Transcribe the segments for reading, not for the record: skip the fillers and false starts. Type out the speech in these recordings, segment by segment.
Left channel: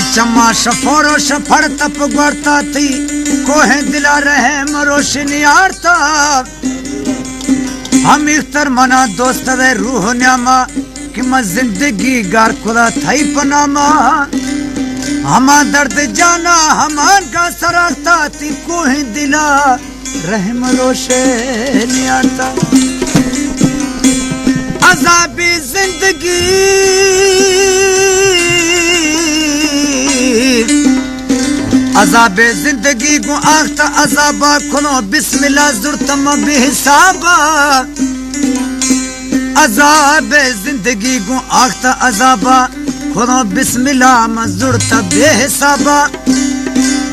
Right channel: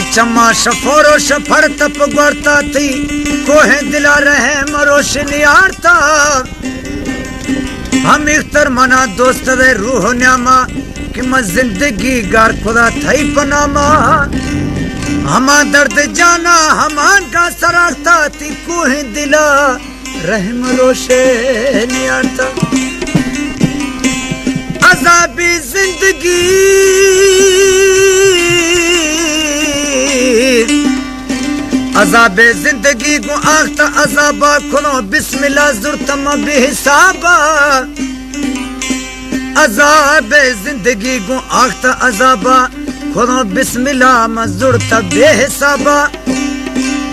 चमा शफोरो शफर तप गोरता थी कोहे दिला रहे मरोश नियारता हम इख्तर मना दोस्त वे रूह न्यामा कि मैं जिंदगी गार खुदा थई पनामा हमा दर्द जाना हमान का सराखता थी कोहे दिला रहे मरोश नियारता अज़ाबी जिंदगी अज़ाबे जिंदगी को आख्ता अज़ाबा खुनो बिस्मिल्लाह जुर्तम बेहिसाबा अज़ाबे जिंदगी को आख्ता अज़ाबा खुनो बिस्मिल्लाह मजुर्त बेहिसाबा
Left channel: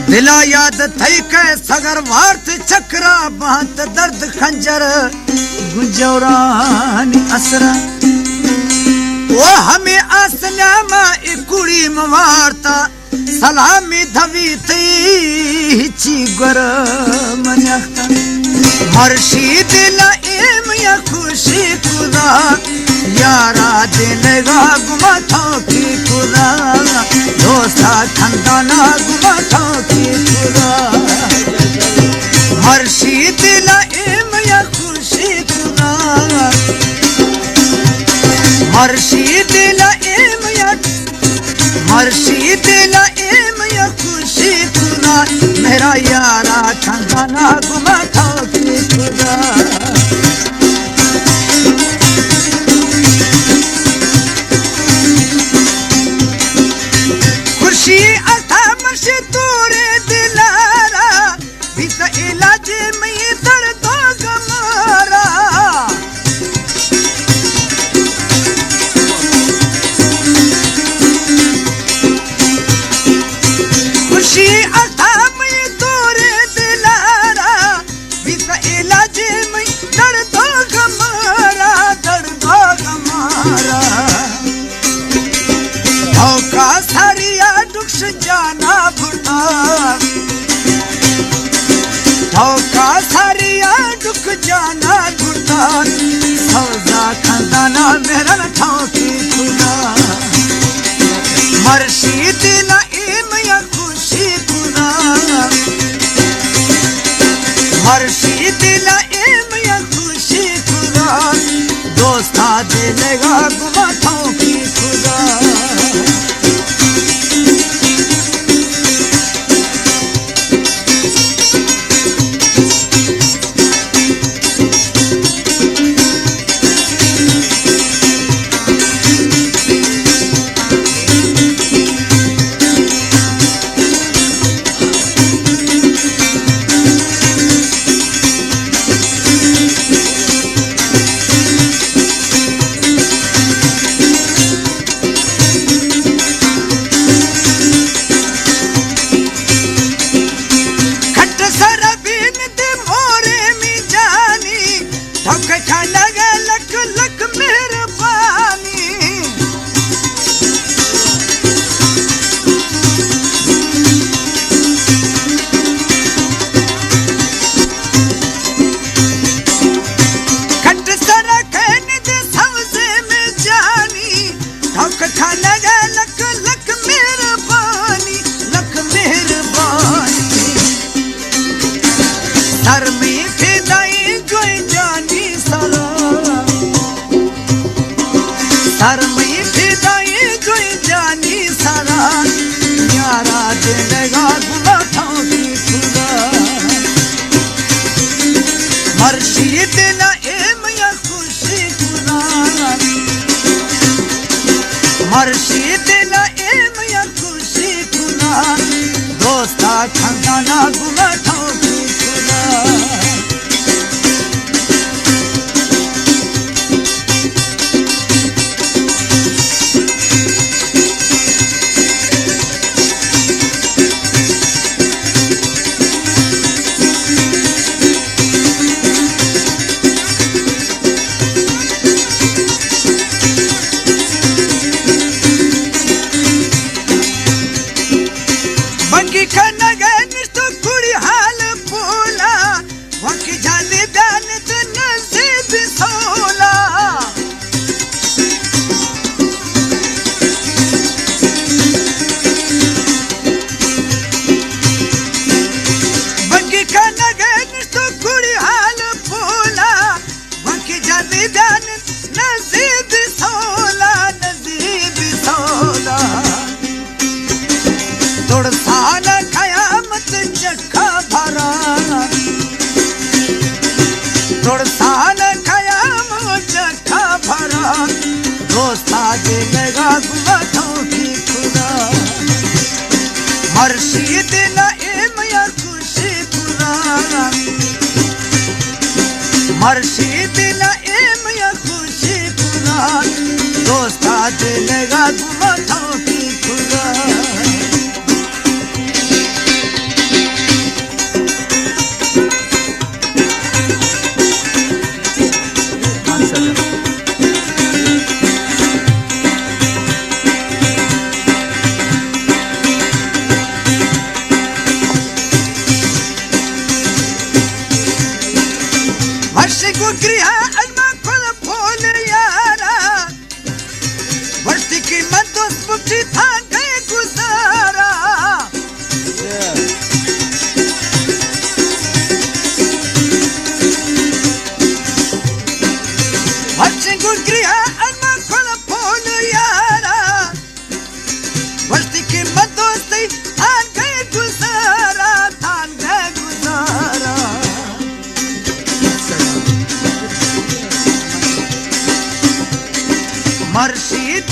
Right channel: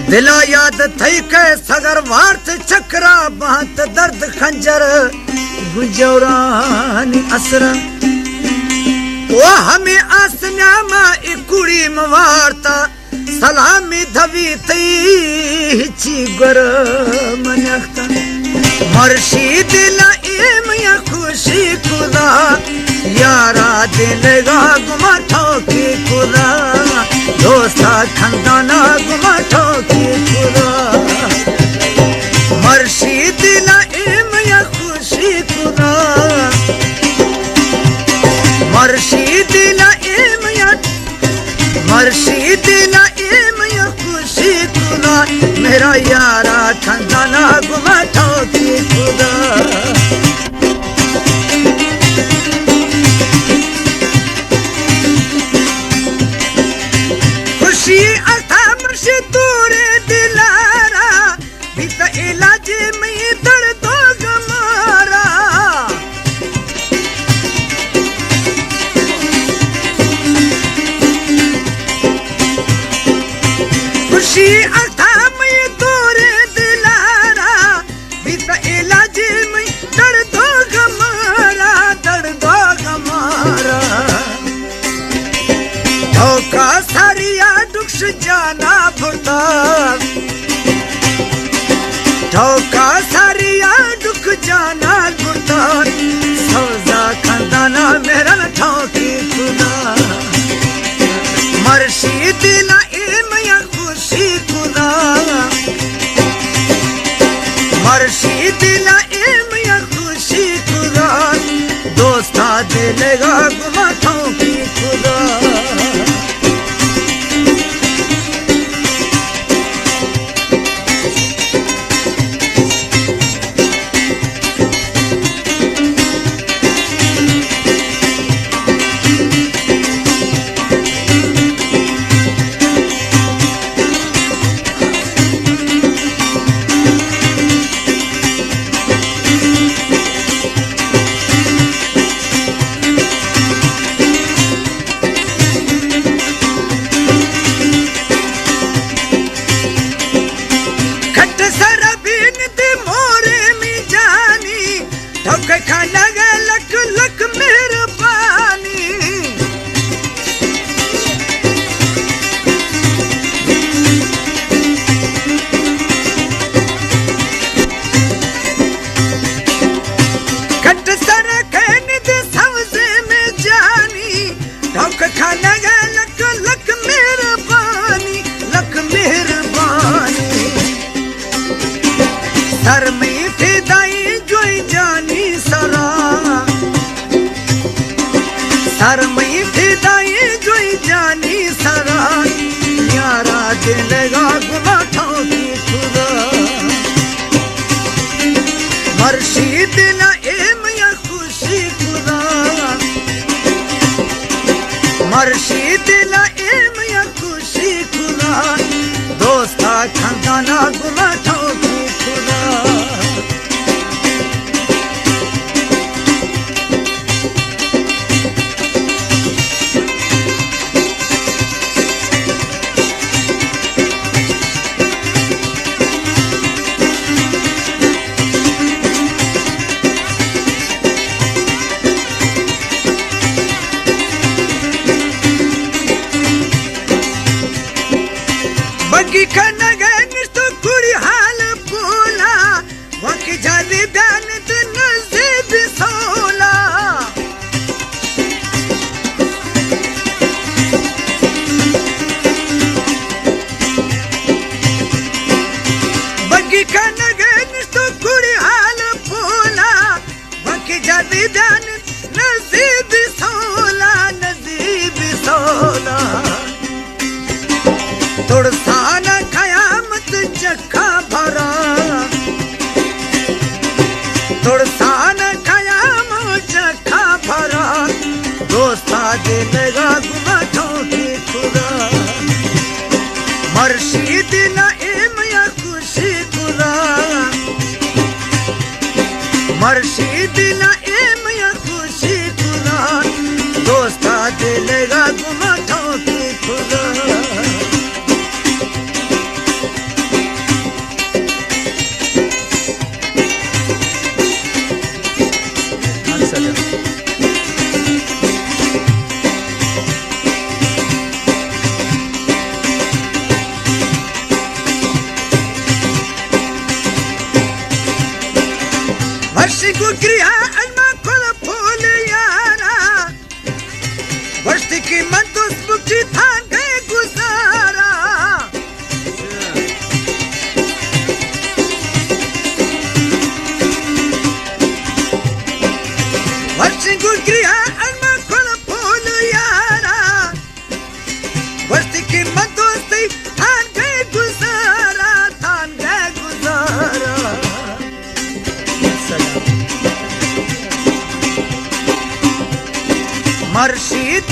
दिला याद थई के सगर वार्त चक्रा बात दर्द खंजर गुंजौरानी असरा वो हमें आसनामा इकुड़ी मवारता सलामी धवी ची गर मनख्ता मर्शीद लाइम या खुशी खुदा यारा दिलगा गुमा ठोकी खुदा दोस्ता खंदाना गुमा ठोकी खुदा मर्शीद लाइम या खुशी खुदा मर्शीद लाइम या खुशी खुदा मेरा यारा खंदाना गुमा ठोकी खुदा खुशी अथा मर्शी तूरे दिलारा बीत इलाज में दर्दो गमारा खुशी अथा में तूरे दिलारा बीत इलाज में दर्दो गमारा धोखा सारिया दुख जाना भुरता धोखा सारिया दुख जाना भुरता सौजा खंदाना मेरा ठोकी खुदा मर्शीद लाइम या खुशी खुदा मर्शीद लाइम या खुशी खुदा दोस्ता दिलेगा गुमा ठोकी खुदा सर में फिदाई जो जानी सरा सर में फिदाई जो जानी सरा यारा दिलेगा गुना ठोकी खुदा मर्शीद लाइम या खुशी खुदा मर्शीद लाइम या खुशी खुदा दोस्ता खंदाना गुना ठोकी खुदा बगी का नगे निष्ठ कुड़ी हाल दिलेगा गुमाथों की खुदा मर्शीद नईम या खुशी खुदा मर्शीद नईम या खुशी खुदा दोस्ता दिलेगा गुमाथों की खुदा क्रिया अलमा खोल फोल यारा वर्षी की मन दोस्त मुक्ति था गए गुजारा वर्षी को क्रिया अलमा खोल फोल यारा वर्षी की मन दोस्त था गए गुजारा मर्शीद